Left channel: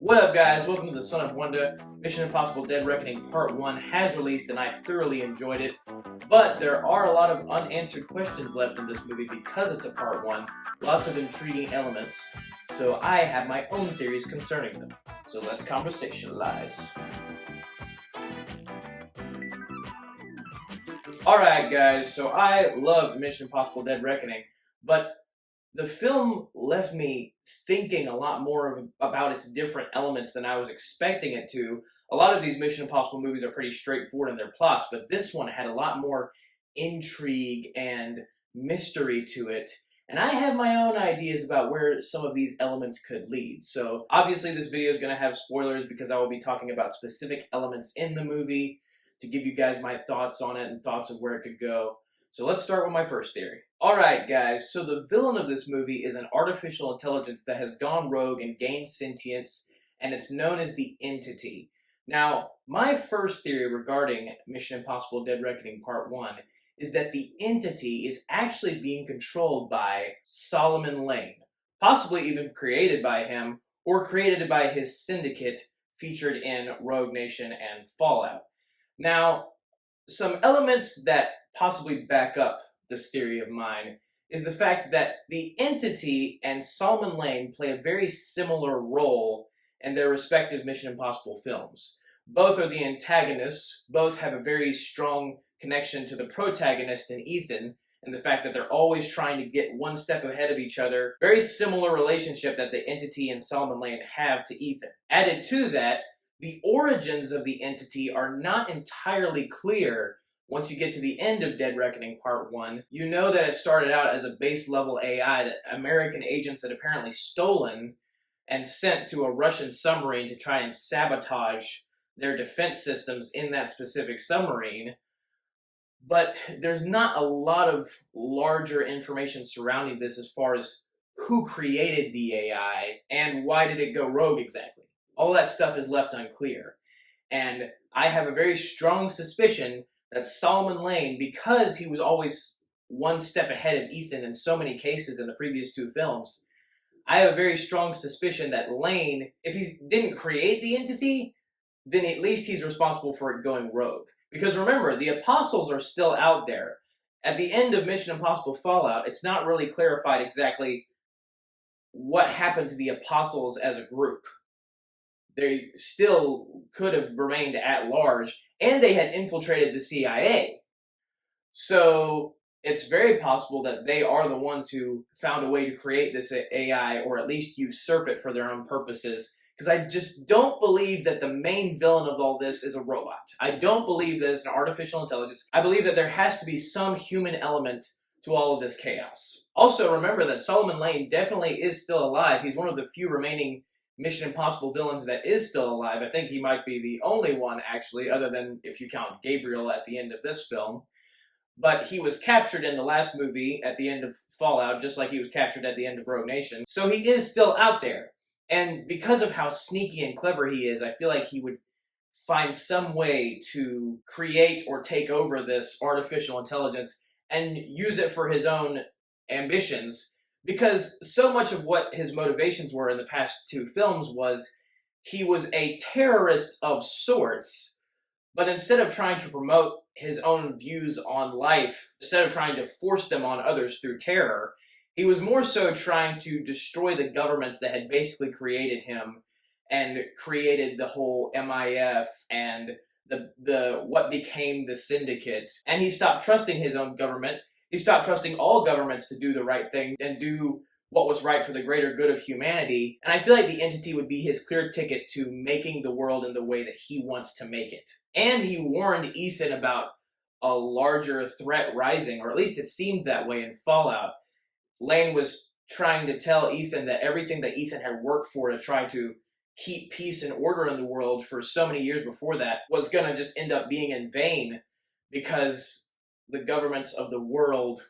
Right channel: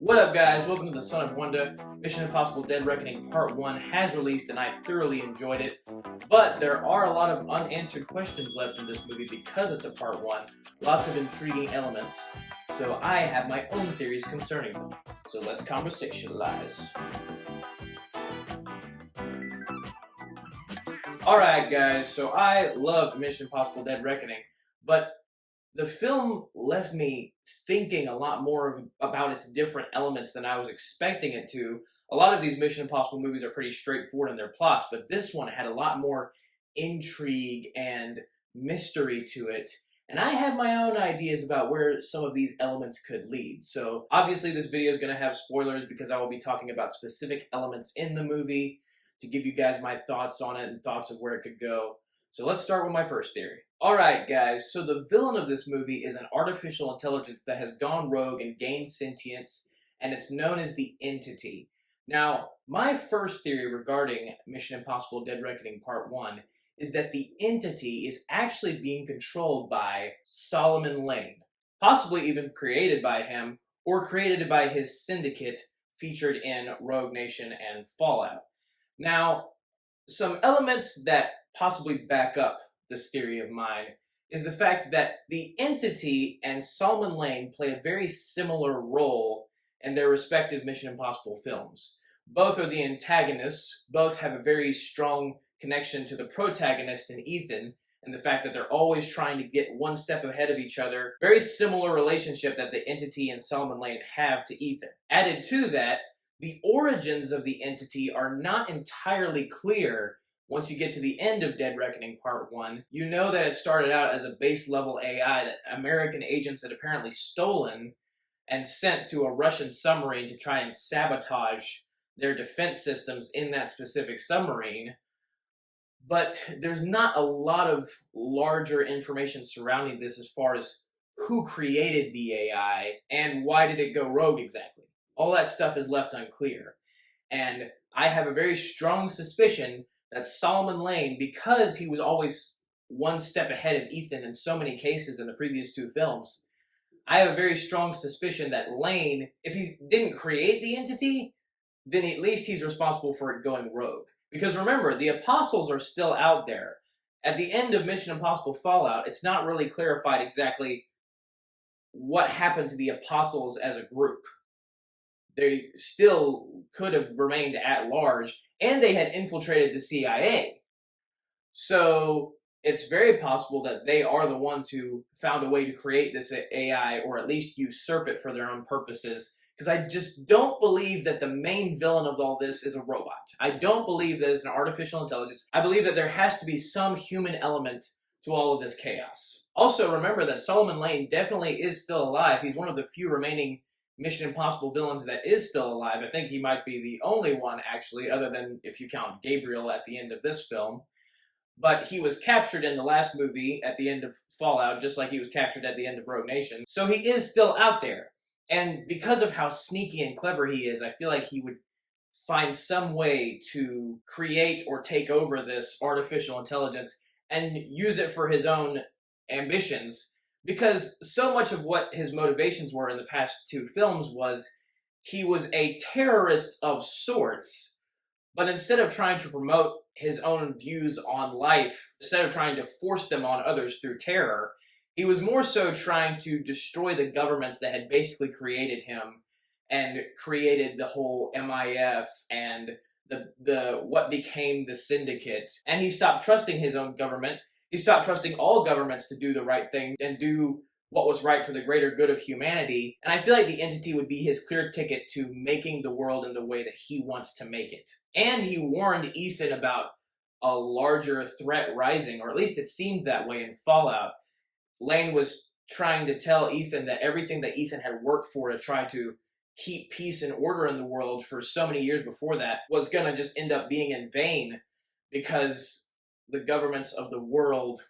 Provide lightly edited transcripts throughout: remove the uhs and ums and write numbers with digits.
What up, guys? Welcome to the Son of Wonder. Mission Impossible Dead Reckoning Part 1 has released and I thoroughly enjoyed it. But there are a lot of unanswered questions left in this movie because it's a Part 1. Lots of intriguing elements. So I have my own theories concerning them. So let's conversationalize. Alright, guys, so I loved Mission Impossible Dead Reckoning, but the film left me thinking a lot more about its different elements than I was expecting it to. A lot of these Mission Impossible movies are pretty straightforward in their plots, but this one had a lot more intrigue and mystery to it. And I have my own ideas about where some of these elements could lead. So obviously this video is going to have spoilers because I will be talking about specific elements in the movie to give you guys my thoughts on it and thoughts of where it could go. So let's start with my first theory. Alright guys, so the villain of this movie is an artificial intelligence that has gone rogue and gained sentience, and it's known as the Entity. Now, my first theory regarding Mission Impossible Dead Reckoning Part 1 is that the Entity is actually being controlled by Solomon Lane, possibly even created by him, or created by his syndicate featured in Rogue Nation and Fallout. Now, some elements that possibly back up this theory of mine is the fact that the Entity and Solomon Lane play a very similar role in their respective Mission Impossible films. Both are the antagonists, both have a very strong connection to the protagonist in Ethan, and the fact that they're always trying to get one step ahead of each other. Very similar relationship that the Entity and Solomon Lane have to Ethan. Added to that, the origins of the Entity are not entirely clear. Once you get to the end of Dead Reckoning Part 1, you know that it started out as a base-level AI that American agents had apparently stolen and sent to a Russian submarine to try and sabotage their defense systems in that specific submarine. But there's not a lot of larger information surrounding this as far as who created the AI and why did it go rogue exactly. All that stuff is left unclear. And I have a very strong suspicion that Solomon Lane, because he was always one step ahead of Ethan in so many cases in the previous two films, I have a very strong suspicion that Lane, if he didn't create the Entity, then at least he's responsible for it going rogue. Because remember, the Apostles are still out there. At the end of Mission Impossible Fallout, it's not really clarified exactly what happened to the Apostles as a group. They still could have remained at large, and they had infiltrated the CIA. So it's very possible that they are the ones who found a way to create this AI, or at least usurp it for their own purposes, because I just don't believe that the main villain of all this is a robot. I don't believe that it's an artificial intelligence. I believe that there has to be some human element to all of this chaos. Also, remember that Solomon Lane definitely is still alive. He's one of the few remaining Mission Impossible villains that is still alive. I think he might be the only one, actually, other than if you count Gabriel at the end of this film. But he was captured in the last movie at the end of Fallout, just like he was captured at the end of Rogue Nation. So he is still out there. And because of how sneaky and clever he is, I feel like he would find some way to create or take over this artificial intelligence and use it for his own ambitions. Because so much of what his motivations were in the past two films was he was a terrorist of sorts, but instead of trying to promote his own views on life, instead of trying to force them on others through terror, he was more so trying to destroy the governments that had basically created him and created the whole MIF and the what became the Syndicate. And he stopped trusting his own government. He stopped trusting all governments to do the right thing and do what was right for the greater good of humanity. And I feel like the Entity would be his clear ticket to making the world in the way that he wants to make it. And he warned Ethan about a larger threat rising, or at least it seemed that way in Fallout. Lane was trying to tell Ethan that everything that Ethan had worked for to try to keep peace and order in the world for so many years before that was going to just end up being in vain, because the governments of the world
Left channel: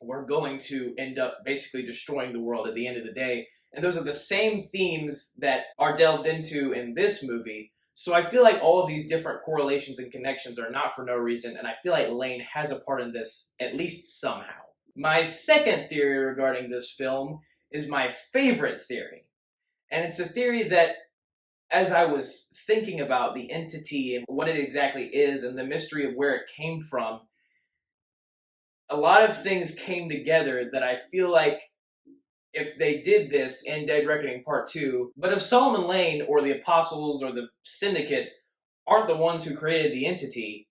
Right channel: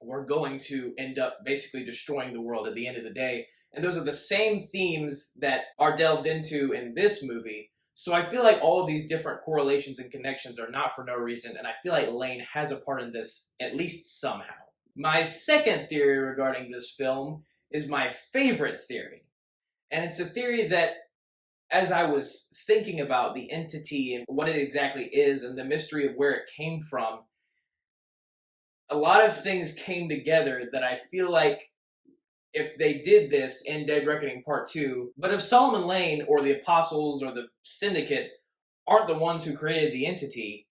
were going to end up basically destroying the world at the end of the day. And those are the same themes that are delved into in this movie. So I feel like all of these different correlations and connections are not for no reason, and I feel like Lane has a part in this, at least somehow. My second theory regarding this film is my favorite theory. And it's a theory that as I was thinking about the entity and what it exactly is and the mystery of where it came from, a lot of things came together that I feel like if they did this in Dead Reckoning Part 2, but if Solomon Lane or the Apostles or the Syndicate aren't the ones who created the entity,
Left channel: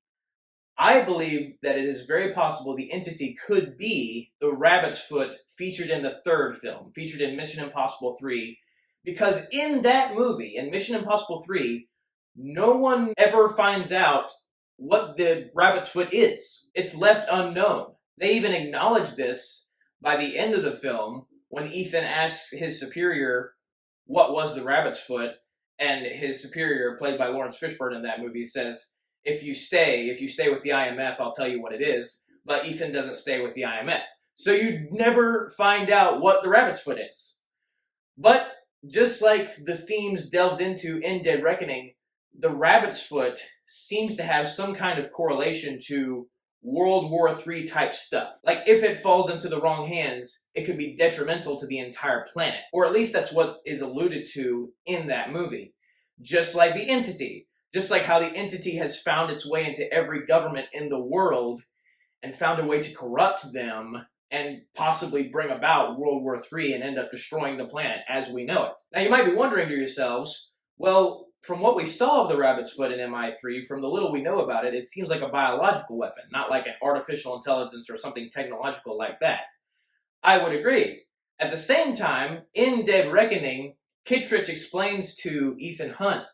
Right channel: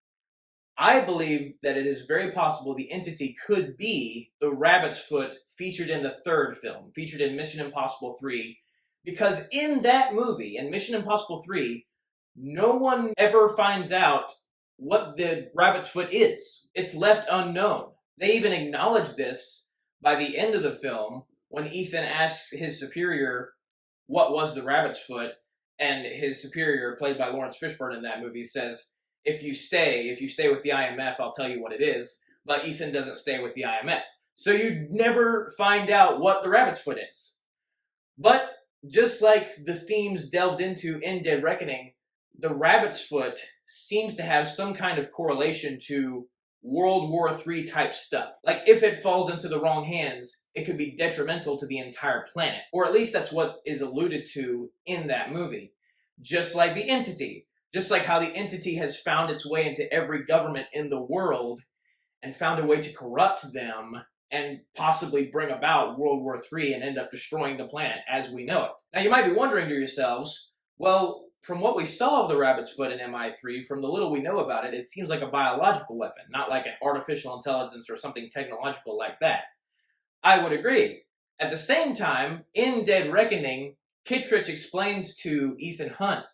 I believe that it is very possible the entity could be the rabbit's foot featured in the third film, featured in Mission Impossible 3, because in that movie, in Mission Impossible 3, no one ever finds out what the rabbit's foot is. It's left unknown. They even acknowledge this by the end of the film when Ethan asks his superior what was the rabbit's foot, and his superior, played by Lawrence Fishburne in that movie, says, if you stay with the IMF, I'll tell you what it is. But Ethan doesn't stay with the IMF. So you never find out what the rabbit's foot is. But just like the themes delved into in Dead Reckoning, the rabbit's foot seems to have some kind of correlation to World War III type stuff. Like, if it falls into the wrong hands, it could be detrimental to the entire planet. Or at least that's what is alluded to in that movie. Just like the entity. Just like how the entity has found its way into every government in the world and found a way to corrupt them and possibly bring about World War III and end up destroying the planet as we know it. Now, you might be wondering to yourselves, well, from what we saw of the rabbit's foot in MI3, from the little we know about it, it seems like a biological weapon, not like an artificial intelligence or something technological like that. I would agree. At the same time, in Dead Reckoning, Kittredge explains to Ethan Hunt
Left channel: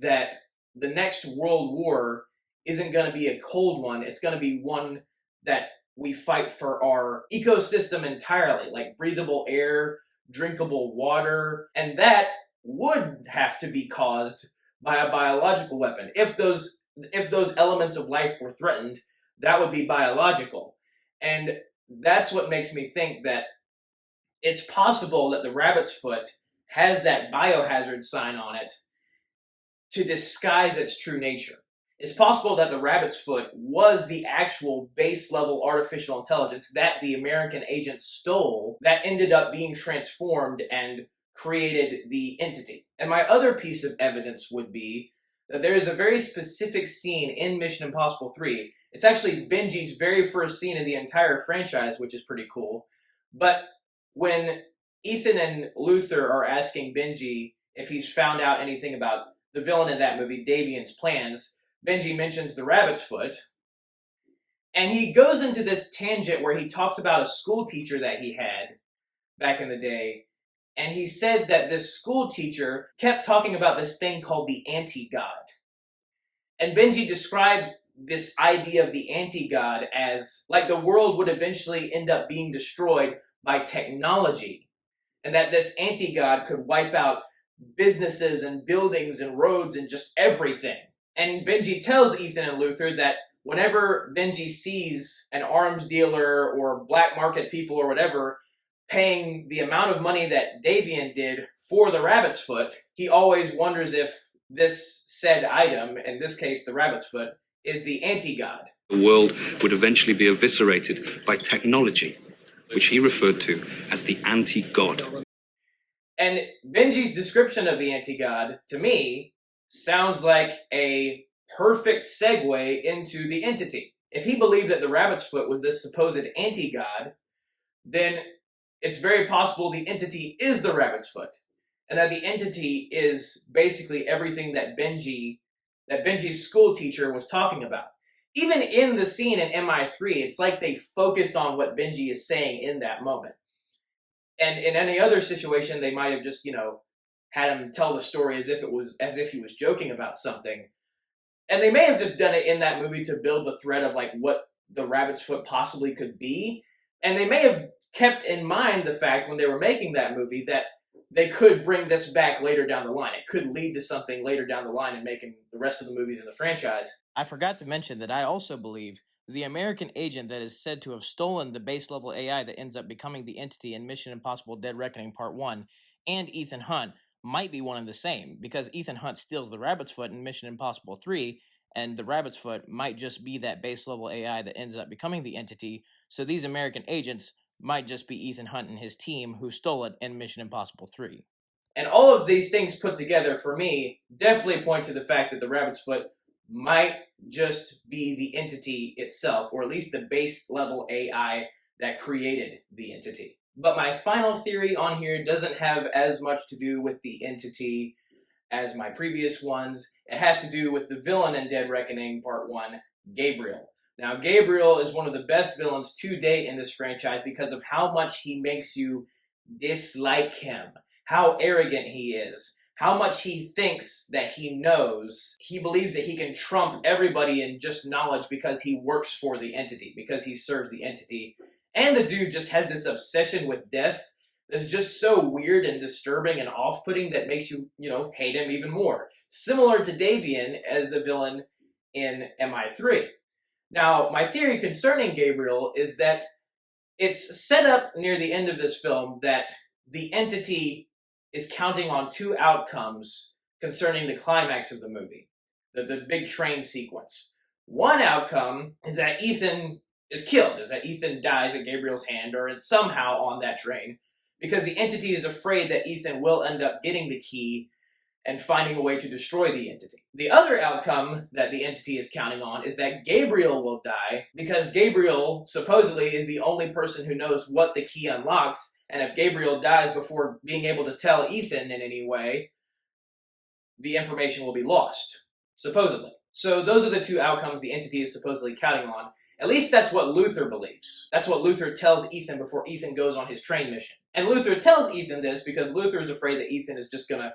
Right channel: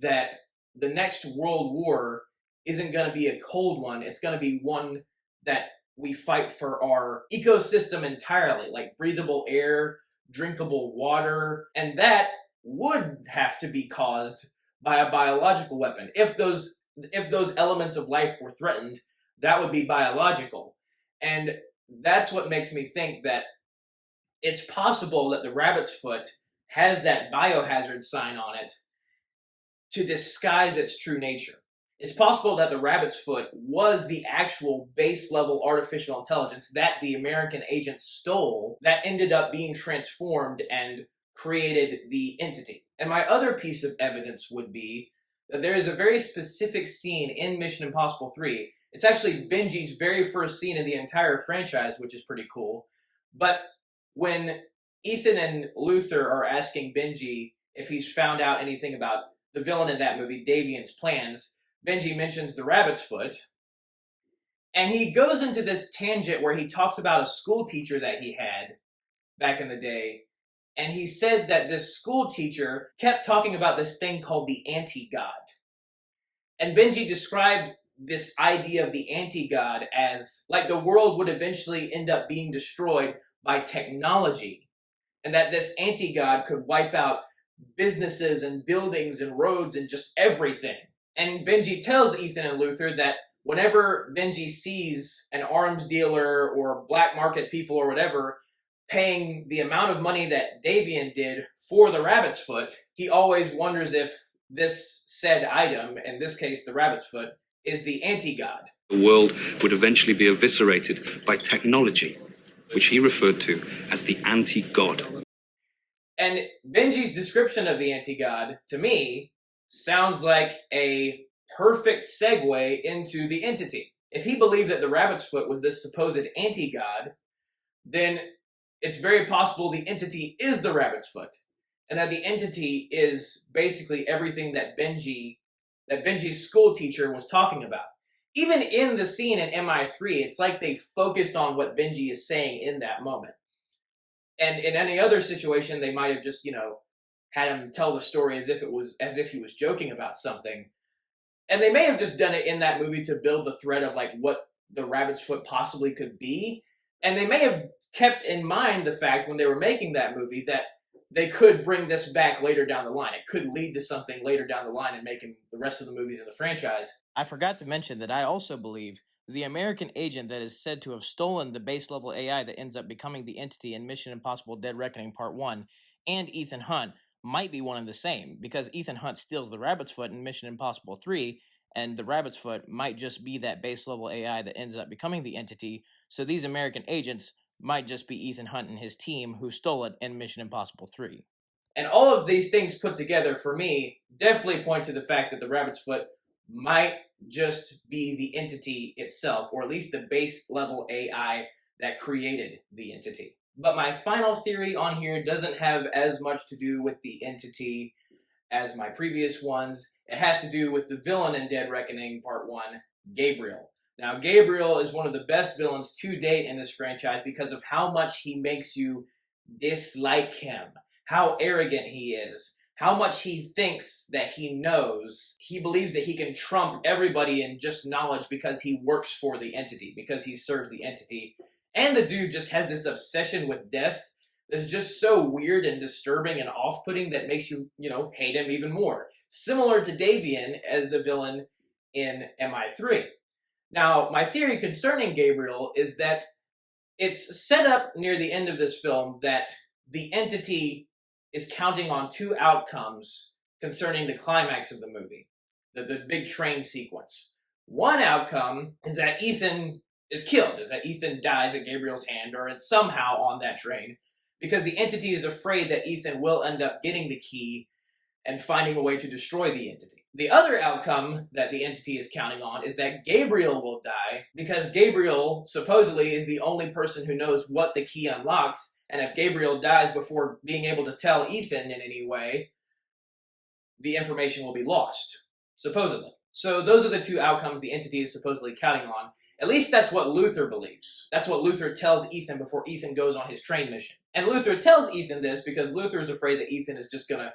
that the next world war isn't going to be a cold one. It's going to be one that we fight for our ecosystem entirely, like breathable air, drinkable water, and that would have to be caused by a biological weapon. If those elements of life were threatened, that would be biological. And that's what makes me think that it's possible that the rabbit's foot has that biohazard sign on it to disguise its true nature. It's possible that the rabbit's foot was the actual base level artificial intelligence that the American agents stole that ended up being transformed and created the entity. And my other piece of evidence would be that there is a very specific scene in Mission Impossible 3. It's actually Benji's very first scene in the entire franchise, which is pretty cool. But when Ethan and Luther are asking Benji if he's found out anything about the villain in that movie, Davian's plans, Benji mentions the rabbit's foot. And he goes into this tangent where he talks about a school teacher that he had back in the day. And he said that this school teacher kept talking about this thing called the anti-god. And Benji described this idea of the anti-god as like the world would eventually end up being destroyed by technology. And that this anti-god could wipe out businesses and buildings and roads and just everything. And Benji tells Ethan and Luther that whenever Benji sees an arms dealer or black market people or whatever paying the amount of money that Davian did for the rabbit's foot, he always wonders if this said item, in this case the rabbit's foot, is the anti-god. The world would eventually be eviscerated by technology, which he referred to as the anti-god. And Benji's description of the anti-god, to me, sounds like a perfect segue into the entity. If he believed that the rabbit's foot was this supposed anti-god, then it's very possible the entity is the rabbit's foot. And that the entity is basically everything that Benji's school teacher was talking about. Even in the scene in MI3, it's like they focus on what Benji is saying in that moment. And in any other situation, they might have just, had him tell the story as if he was joking about something. And they may have just done it in that movie to build the thread of like what the rabbit's foot possibly could be. And they may have kept in mind the fact when they were making that movie that they could bring this back later down the line. It could lead to something later down the line in making the rest of the movies in the franchise. I forgot to mention that I also believe the American agent that is said to have stolen the base level AI that ends up becoming the entity in Mission Impossible Dead Reckoning Part 1 and Ethan Hunt might be one and the same, because Ethan Hunt steals the rabbit's foot in Mission Impossible 3, and the rabbit's foot might just be that base level AI that ends up becoming the entity, so these American agents might just be Ethan Hunt and his team who stole it in Mission Impossible 3. And all of these things put together, for me, definitely point to the fact that the rabbit's foot might just be the entity itself, or at least the base level AI that created the entity. But my final theory on here doesn't have as much to do with the entity as my previous ones. It has to do with the villain in Dead Reckoning Part 1, Gabriel. Now, Gabriel is one of the best villains to date in this franchise because of how much he makes you dislike him, how arrogant he is, how much he thinks that he knows. He believes that he can trump everybody in just knowledge because he works for the entity, because he serves the entity. And the dude just has this obsession with death that's just so weird and disturbing and off-putting that makes you, hate him even more. Similar to Davian as the villain in MI3. Now, my theory concerning Gabriel is that it's set up near the end of this film that the entity is counting on two outcomes concerning the climax of the movie, the big train sequence. One outcome is that Ethan is killed, is that Ethan dies at Gabriel's hand or is somehow on that train, because the entity is afraid that Ethan will end up getting the key and finding a way to destroy the entity. The other outcome that the entity is counting on is that Gabriel will die, because Gabriel supposedly is the only person who knows what the key unlocks, and if Gabriel dies before being able to tell Ethan in any way, the information will be lost, supposedly. So those are the two outcomes the entity is supposedly counting on. At least that's what Luther believes. That's what Luther tells Ethan before Ethan goes on his train mission. And Luther tells Ethan this because Luther is afraid that Ethan is just going to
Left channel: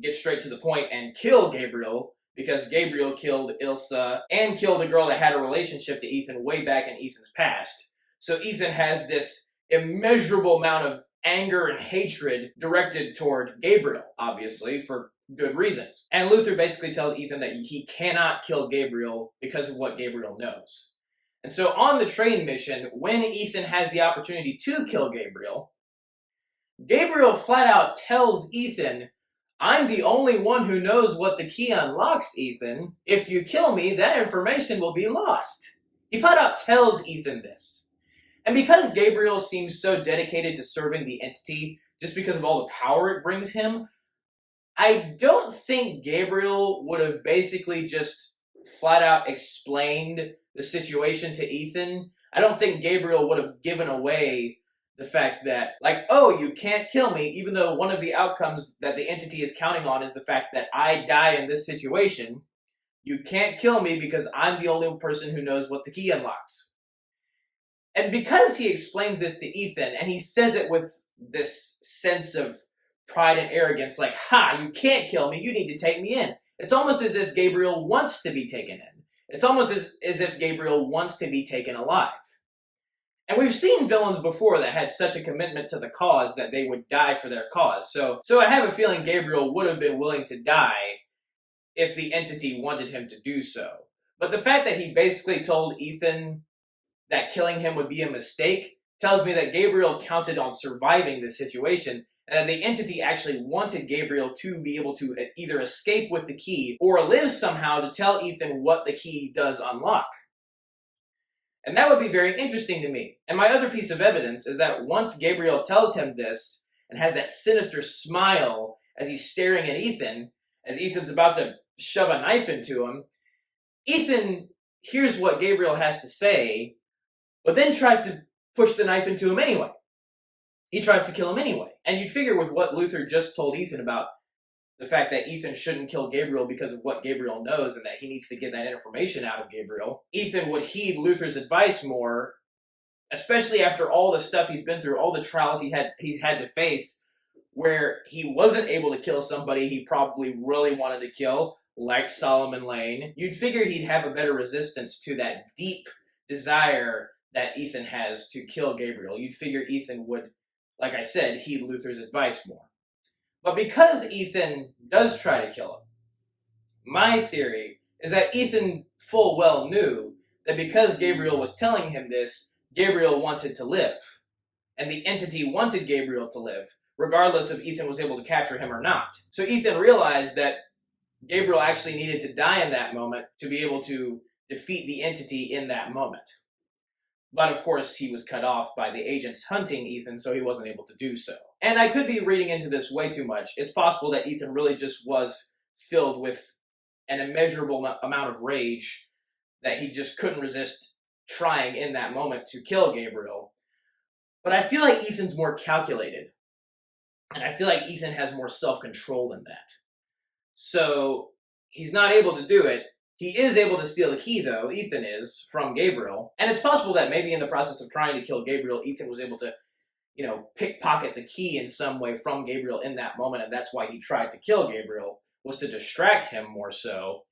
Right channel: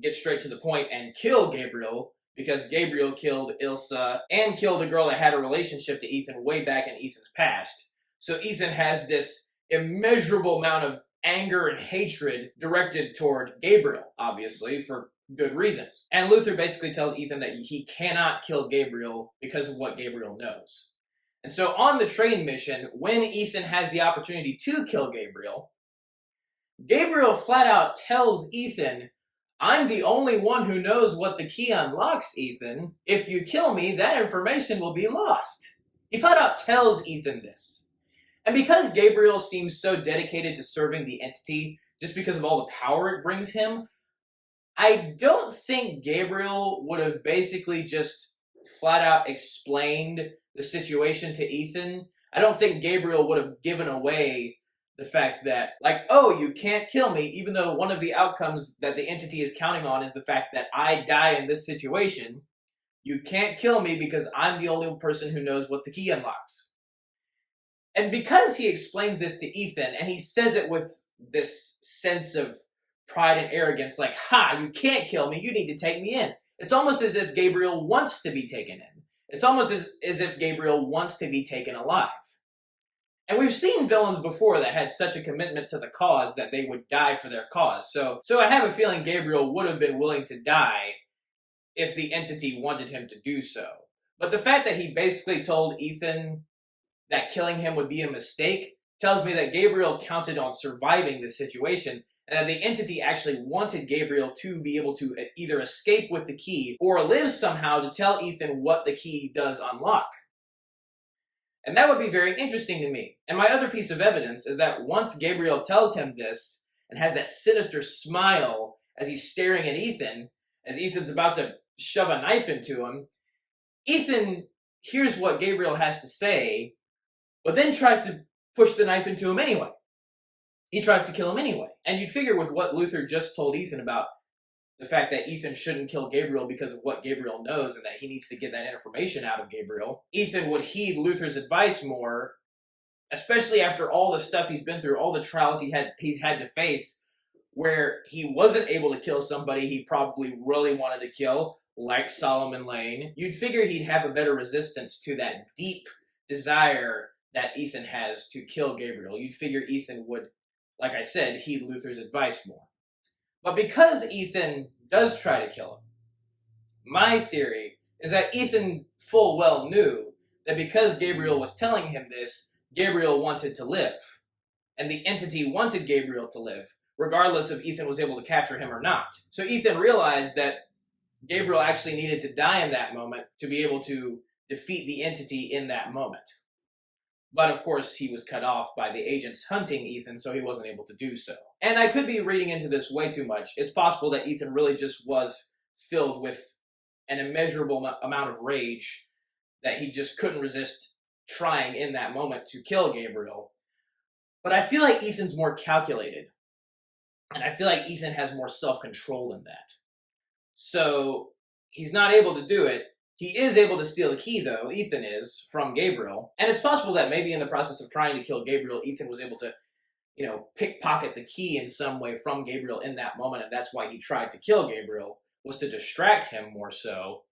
get straight to the point and kill Gabriel, because Gabriel killed Ilsa and killed a girl that had a relationship to Ethan way back in Ethan's past. So Ethan has this immeasurable amount of anger and hatred directed toward Gabriel, obviously, for good reasons. And Luther basically tells Ethan that he cannot kill Gabriel because of what Gabriel knows. And so on the train mission, when Ethan has the opportunity to kill Gabriel, Gabriel flat out tells Ethan, "I'm the only one who knows what the key unlocks, Ethan. If you kill me, that information will be lost." He flat out tells Ethan this. And because Gabriel seems so dedicated to serving the entity, just because of all the power it brings him, I don't think Gabriel would have basically just flat out explained the situation to Ethan. I don't think Gabriel would have given away the fact that, oh, you can't kill me, even though one of the outcomes that the entity is counting on is the fact that I die in this situation. You can't kill me because I'm the only person who knows what the key unlocks. And because he explains this to Ethan, and he says it with this sense of pride and arrogance, like, "Ha, you can't kill me, you need to take me in." It's almost as if Gabriel wants to be taken in. It's almost as if Gabriel wants to be taken alive. And we've seen villains before that had such a commitment to the cause that they would die for their cause. So I have a feeling Gabriel would have been willing to die if the entity wanted him to do so. But the fact that he basically told Ethan that killing him would be a mistake tells me that Gabriel counted on surviving this situation, and that the entity actually wanted Gabriel to be able to either escape with the key or live somehow to tell Ethan what the key does unlock. And that would be very interesting to me. And my other piece of evidence is that once Gabriel tells him this and has that sinister smile as he's staring at Ethan, as Ethan's about to shove a knife into him, Ethan hears what Gabriel has to say, but then tries to push the knife into him anyway. He tries to kill him anyway. And you'd figure with what Luther just told Ethan about the fact that Ethan shouldn't kill Gabriel because of what Gabriel knows and that he needs to get that information out of Gabriel, Ethan would heed Luther's advice more, especially after all the stuff he's been through, all the trials he's had to face, where he wasn't able to kill somebody he probably really wanted to kill, like Solomon Lane. You'd figure he'd have a better resistance to that deep desire that Ethan has to kill Gabriel. You'd figure Ethan would, like I said, heed Luther's advice more. But because Ethan does try to kill him, my theory is that Ethan full well knew that because Gabriel was telling him this, Gabriel wanted to live. And the entity wanted Gabriel to live, regardless if Ethan was able to capture him or not. So Ethan realized that Gabriel actually needed to die in that moment to be able to defeat the entity in that moment. But of course, he was cut off by the agents hunting Ethan, so he wasn't able to do so. And I could be reading into this way too much. It's possible that Ethan really just was filled with an immeasurable amount of rage that he just couldn't resist trying in that moment to kill Gabriel. But I feel like Ethan's more calculated. And I feel like Ethan has more self control than that. So he's not able to do it. He is able to steal the key, though, Ethan is, from Gabriel. And it's possible that maybe in the process of trying to kill Gabriel, Ethan was able to, pickpocket the key in some way from Gabriel in that moment, and that's why he tried to kill Gabriel, was to distract him more so.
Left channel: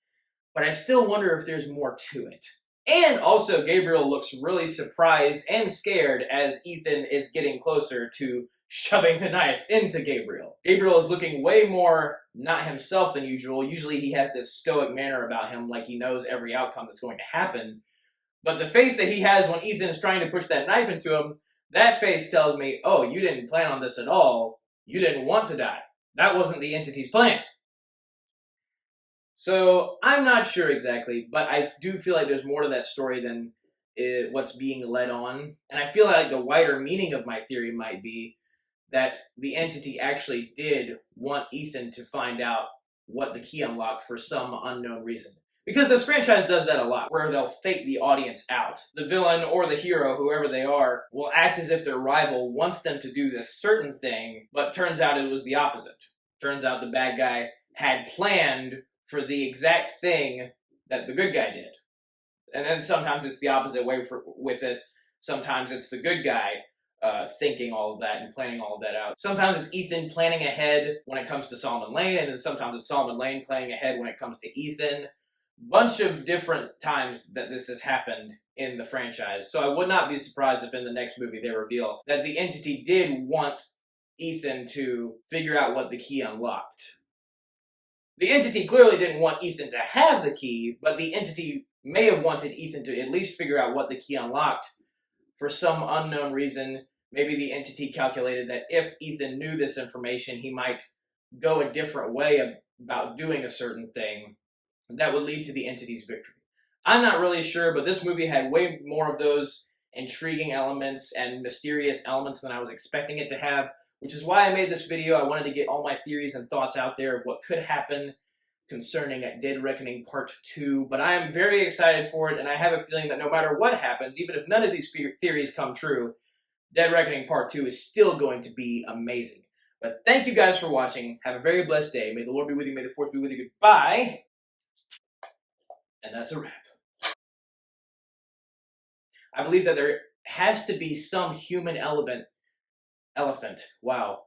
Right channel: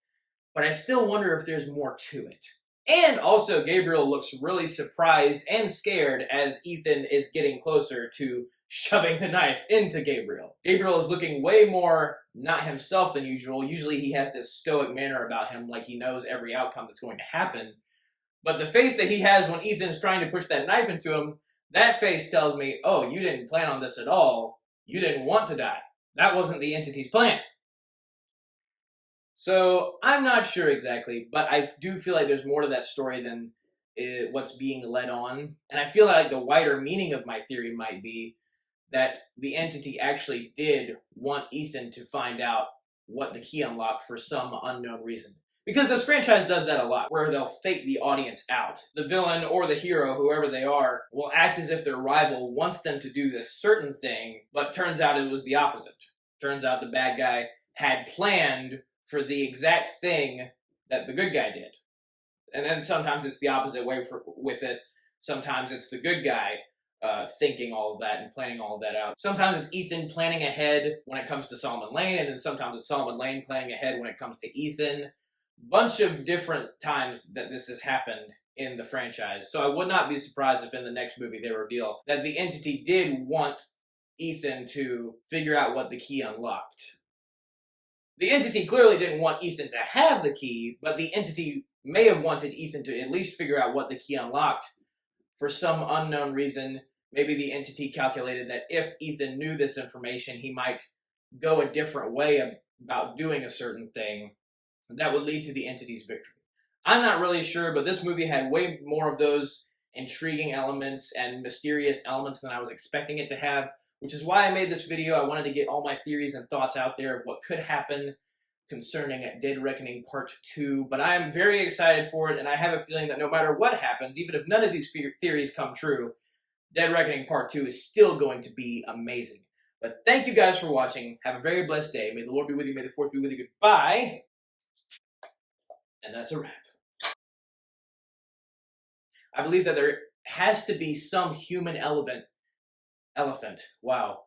But I still wonder if there's more to it. And also, Gabriel looks really surprised and scared as Ethan is getting closer to shoving the knife into Gabriel. Gabriel is looking way more not himself than usual. Usually he has this stoic manner about him, like he knows every outcome that's going to happen. But the face that he has when Ethan is trying to push that knife into him, that face tells me, oh, you didn't plan on this at all. You didn't want to die. That wasn't the entity's plan. So I'm not sure exactly, but I do feel like there's more to that story than what's being led on. And I feel like the wider meaning of my theory might be that the entity actually did want Ethan to find out what the key unlocked for some unknown reason. Because this franchise does that a lot, where they'll fake the audience out. The villain or the hero, whoever they are, will act as if their rival wants them to do this certain thing, but turns out it was the opposite. Turns out the bad guy had planned for the exact thing that the good guy did. And then sometimes it's the opposite way with it. Sometimes it's the good guy thinking all of that and planning all of that out. Sometimes it's Ethan planning ahead when it comes to Solomon Lane, and then sometimes it's Solomon Lane planning ahead when it comes to Ethan. Bunch of different times that this has happened in the franchise. So I would not be surprised if in the next movie they reveal that the entity did want Ethan to figure out what the key unlocked. The entity clearly didn't want Ethan to have the key, but the entity may have wanted Ethan to at least figure out what the key unlocked for some unknown reason. Maybe the entity calculated that if Ethan knew this information, he might go a different way about doing a certain thing that would lead to the entity's victory. I'm not really sure, but this movie had way more of those intriguing elements and mysterious elements than I was expecting it to have, which is why I made this video. I wanted to get all my theories and thoughts out there of what could happen concerning Dead Reckoning Part 2, but I am very excited for it, and I have a feeling that no matter what happens, even if none of these theories come true, Dead Reckoning Part 2 is still going to be amazing. But thank you guys for watching. Have a very blessed day. May the Lord be with you. May the Fourth be with you. Goodbye. And that's a wrap. I believe that there has to be some human elephant. Wow.